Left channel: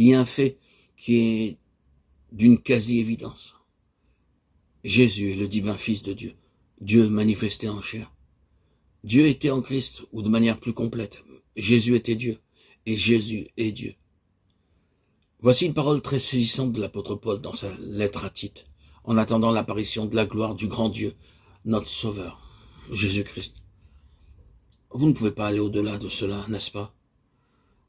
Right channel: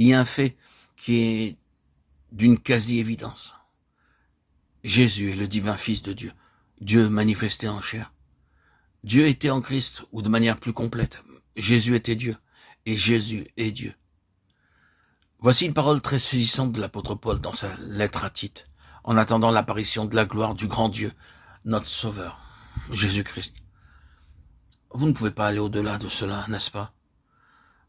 Il y a un fait qui est d'une quasi-évidence. Jésus est le divin Fils de Dieu, Dieu manifesté en chair. Dieu était en Christ, ou de manière plus complète, Jésus était Dieu, et Jésus est Dieu. Voici une parole très saisissante de l'apôtre Paul dans sa lettre à Tite, en attendant l'apparition de la gloire du grand Dieu, notre Sauveur, Jésus-Christ. Vous ne pouvez pas aller au-delà de cela, n'est-ce pas?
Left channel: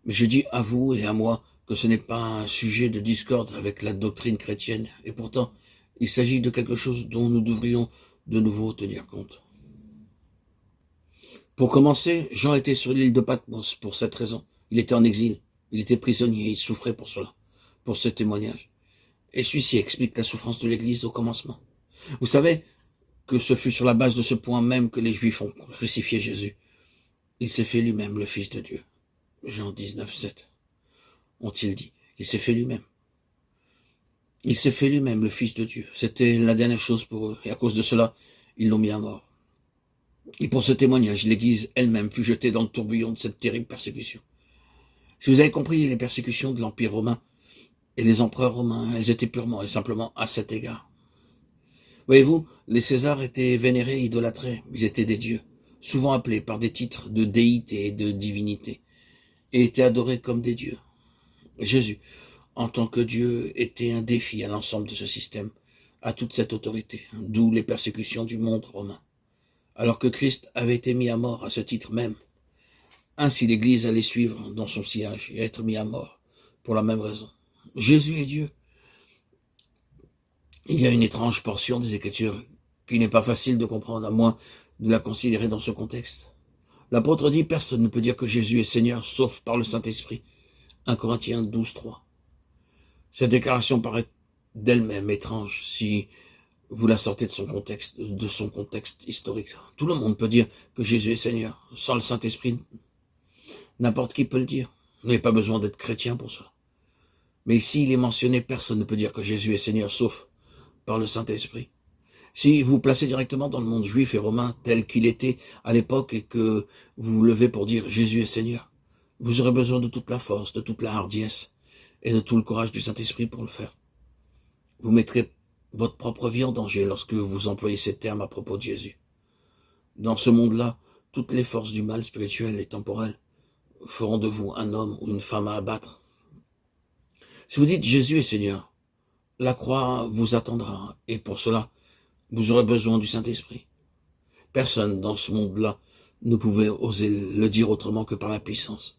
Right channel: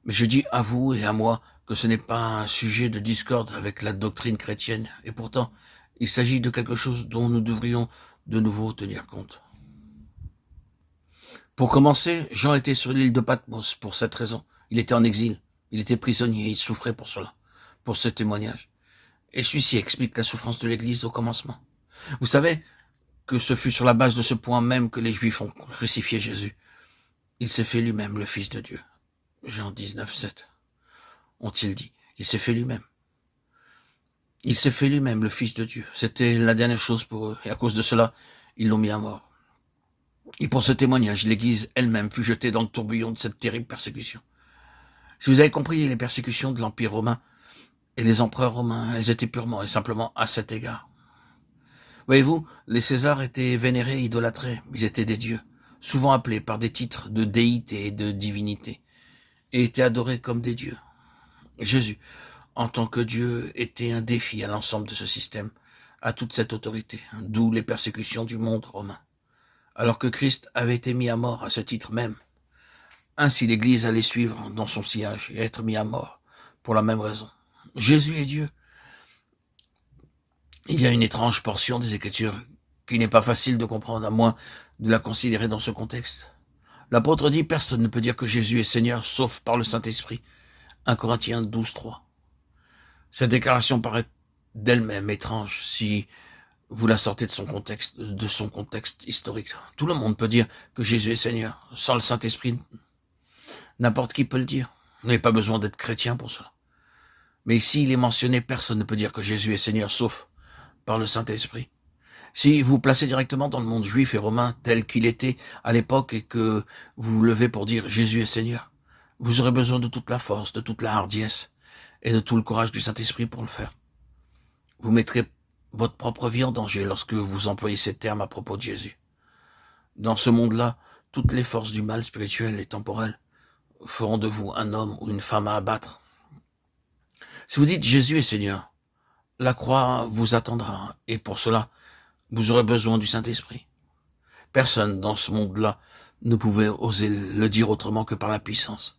Mais je dis à vous et à moi que ce n'est pas un sujet de discorde avec la doctrine chrétienne, et pourtant, il s'agit de quelque chose dont nous devrions de nouveau tenir compte. Pour commencer, Jean était sur l'île de Patmos pour cette raison. Il était en exil, il était prisonnier, il souffrait pour cela, pour ce témoignage. Et celui-ci explique la souffrance de l'Église au commencement. Vous savez que ce fut sur la base de ce point même que les Juifs ont crucifié Jésus. Il s'est fait lui-même le Fils de Dieu. Jean 19, 7. Ont-ils dit. Il s'est fait lui-même. Il s'est fait lui-même le Fils de Dieu. C'était la dernière chose pour eux. Et à cause de cela, ils l'ont mis à mort. Et pour ce témoignage, l'Église elle-même fut jetée dans le tourbillon de cette terrible persécution. Si vous avez compris, les persécutions de l'Empire romain et les empereurs romains, elles étaient purement et simplement à cet égard. Voyez-vous, les Césars étaient vénérés, idolâtrés, ils étaient des dieux, souvent appelés par des titres de déité et de divinité, et étaient adorés comme des dieux. Jésus, en tant que Dieu, était un défi à l'ensemble de ce système, à toute cette autorité, d'où les persécutions du monde romain. Alors que Christ avait été mis à mort à ce titre même. Ainsi l'Église allait suivre dans son sillage et être mis à mort pour la même raison. Jésus est Dieu. Il y a une étrange portion des Écritures qui n'est pas facile de comprendre, à moins de la considérer dans ce contexte. L'apôtre dit, personne ne peut dire que Jésus est Seigneur, sauf par le Saint-Esprit. 1 Corinthiens 12, 3. Cette déclaration paraît d'elle-même étrange si vous la sortez de son contexte historique. Tout le monde peut dire que Jésus est Seigneur. Sans le Saint-Esprit, n'importe qui peut le dire. Vous n'avez pas besoin d'être chrétien pour cela. Mais ici, il est mentionné, personne ne peut dire que Jésus est Seigneur, sauf par le Saint-Esprit. Si vous vous placez directement dans le monde juif et romain tel qu'il était à l'époque et que vous vous levez pour dire Jésus est Seigneur, vous aurez besoin de toute la force, de toute la hardiesse et de tout le courage du Saint-Esprit pour le faire. Vous mettrez votre propre vie en danger lorsque vous employez ces termes à propos de Jésus. Dans ce monde-là, toutes les forces du mal spirituel et temporel feront de vous un homme ou une femme à abattre. Si vous dites Jésus est Seigneur, la croix vous attendra et pour cela, vous aurez besoin du Saint-Esprit. Personne dans ce monde-là ne pouvait oser le dire autrement que par la puissance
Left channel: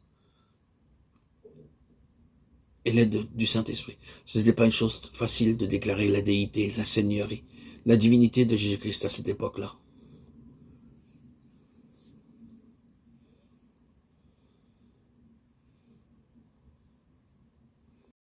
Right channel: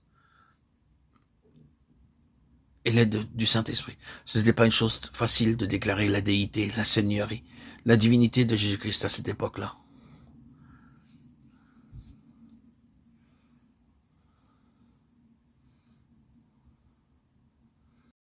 et l'aide du Saint-Esprit. Ce n'était pas une chose facile de déclarer la déité, la seigneurie, la divinité de Jésus-Christ à cette époque-là.